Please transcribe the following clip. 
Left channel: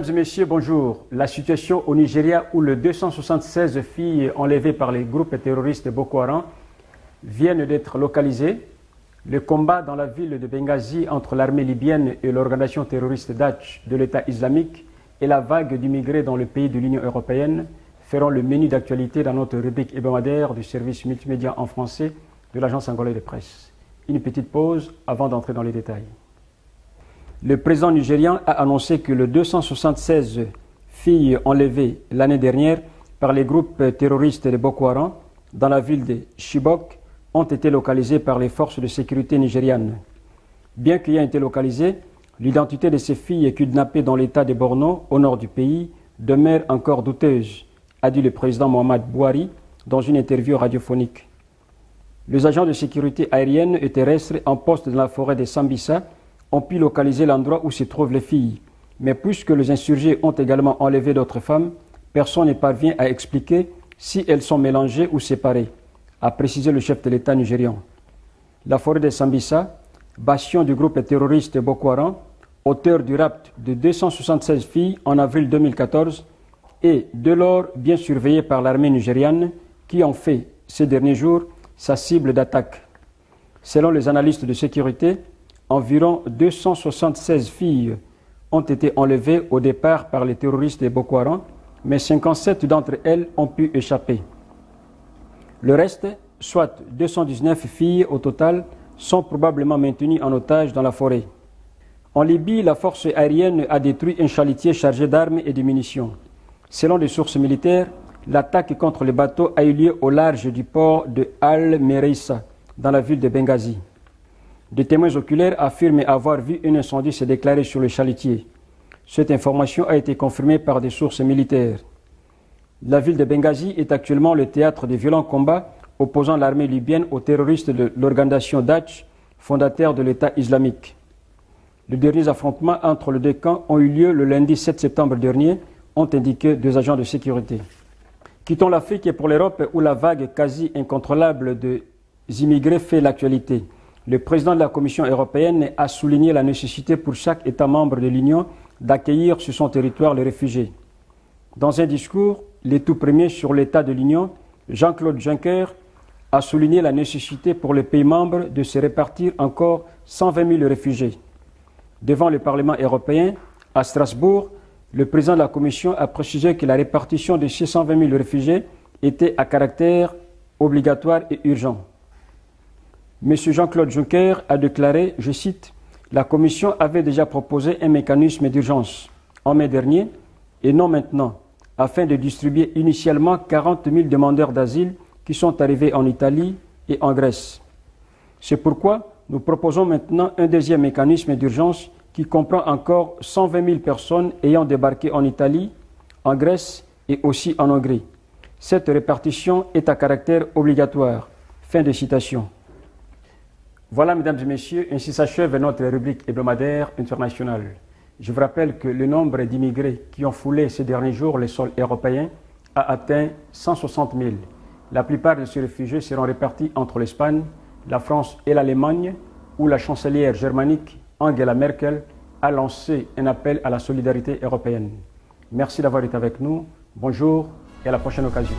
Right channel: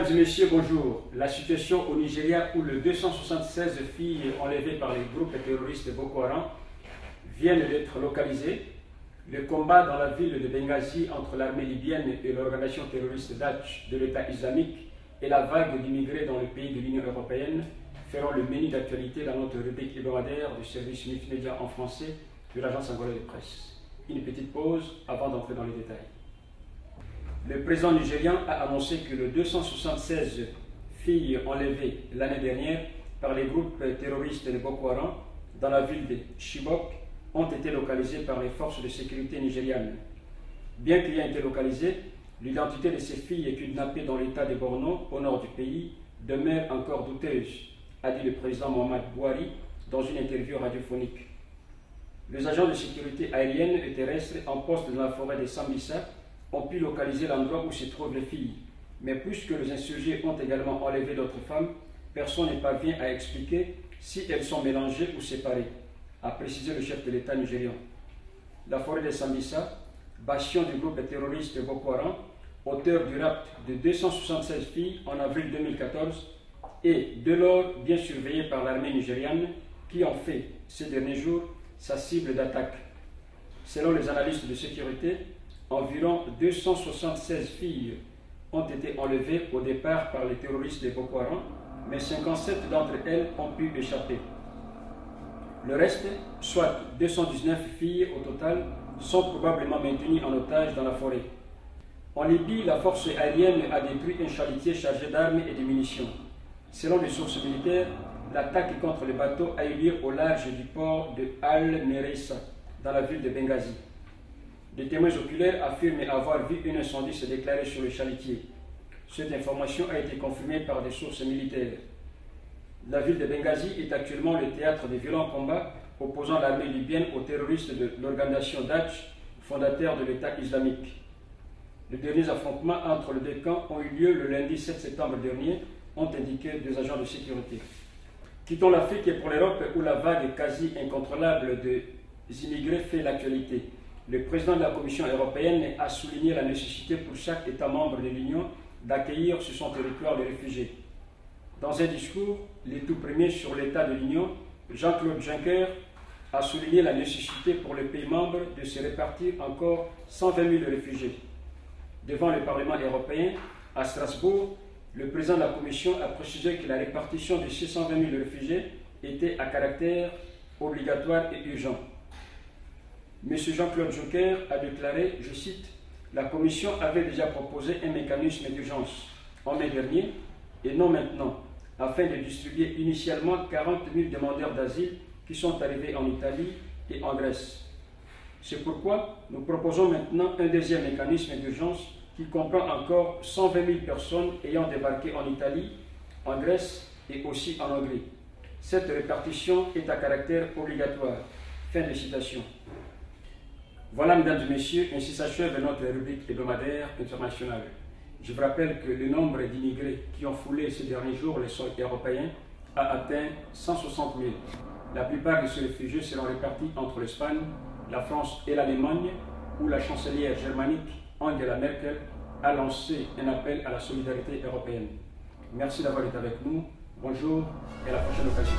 Mesdames et messieurs, bonjour. La situation au Nigeria où les 276 filles enlevées par les groupes terroristes Boko Haram viennent d'être localisées. Le combat dans la ville de Benghazi entre l'armée libyenne et l'organisation terroriste Daesh de l'État islamique et la vague d'immigrés dans le pays de l'Union européenne feront le menu d'actualité dans notre rubrique hebdomadaire du service multimédia en français de l'agence angolaise de presse. Une petite pause avant d'entrer dans les détails. Le président nigérian a annoncé que les 276 filles enlevées l'année dernière par les groupes terroristes de Boko Haram dans la ville de Chibok ont été localisées par les forces de sécurité nigérianes. Bien qu'ayant été localisées, l'identité de ces filles kidnappées dans l'état de Borno, au nord du pays, demeure encore douteuse, a dit le président Mohamed Bouhari dans une interview radiophonique. Les agents de sécurité aérienne et terrestre en poste dans la forêt de Sambisa ont pu localiser l'endroit où se trouvent les filles. Mais puisque les insurgés ont également enlevé d'autres femmes, personne ne parvient à expliquer si elles sont mélangées ou séparées, a précisé le chef de l'État nigérian. La forêt de Sambisa, bastion du groupe terroriste Boko Haram, auteur du rapt de 276 filles en avril 2014, est dès lors bien surveillée par l'armée nigériane qui en fait, ces derniers jours, sa cible d'attaque. Selon les analystes de sécurité, environ 276 filles ont été enlevées au départ par les terroristes de Boko Haram, mais 57 d'entre elles ont pu échapper. Le reste, soit 219 filles au total, sont probablement maintenues en otage dans la forêt. En Libye, la force aérienne a détruit un chalutier chargé d'armes et de munitions. Selon les sources militaires, l'attaque contre les bateaux a eu lieu au large du port de Al-Mereissa, dans la ville de Benghazi. Des témoins oculaires affirment avoir vu un incendie se déclarer sur le chalutier. Cette information a été confirmée par des sources militaires. La ville de Benghazi est actuellement le théâtre de violents combats opposant l'armée libyenne aux terroristes de l'organisation Daesh, fondateur de l'État islamique. Les derniers affrontements entre les deux camps ont eu lieu le lundi 7 septembre dernier, ont indiqué deux agents de sécurité. Quittons l'Afrique et pour l'Europe où la vague quasi incontrôlable des immigrés fait l'actualité. Le président de la Commission européenne a souligné la nécessité pour chaque État membre de l'Union d'accueillir sur son territoire les réfugiés. Dans un discours, les tout premiers sur l'état de l'Union, Jean-Claude Juncker a souligné la nécessité pour les pays membres de se répartir encore 120 000 réfugiés. Devant le Parlement européen, à Strasbourg, le président de la Commission a précisé que la répartition de ces 120 000 réfugiés était à caractère obligatoire et urgent. M. Jean-Claude Juncker a déclaré, je cite, « La Commission avait déjà proposé un mécanisme d'urgence en mai dernier et non maintenant, afin de distribuer initialement 40 000 demandeurs d'asile qui sont arrivés en Italie et en Grèce. C'est pourquoi nous proposons maintenant un deuxième mécanisme d'urgence qui comprend encore 120 000 personnes ayant débarqué en Italie, en Grèce et aussi en Hongrie. Cette répartition est à caractère obligatoire. » Fin de citation. Voilà, mesdames et messieurs, ainsi s'achève notre rubrique hebdomadaire internationale. Je vous rappelle que le nombre d'immigrés qui ont foulé ces derniers jours les sols européens a atteint 160 000. La plupart de ces réfugiés seront répartis entre l'Espagne, la France et l'Allemagne, où la chancelière germanique Angela Merkel a lancé un appel à la solidarité européenne. Merci d'avoir été avec nous. Bonjour et à la prochaine occasion.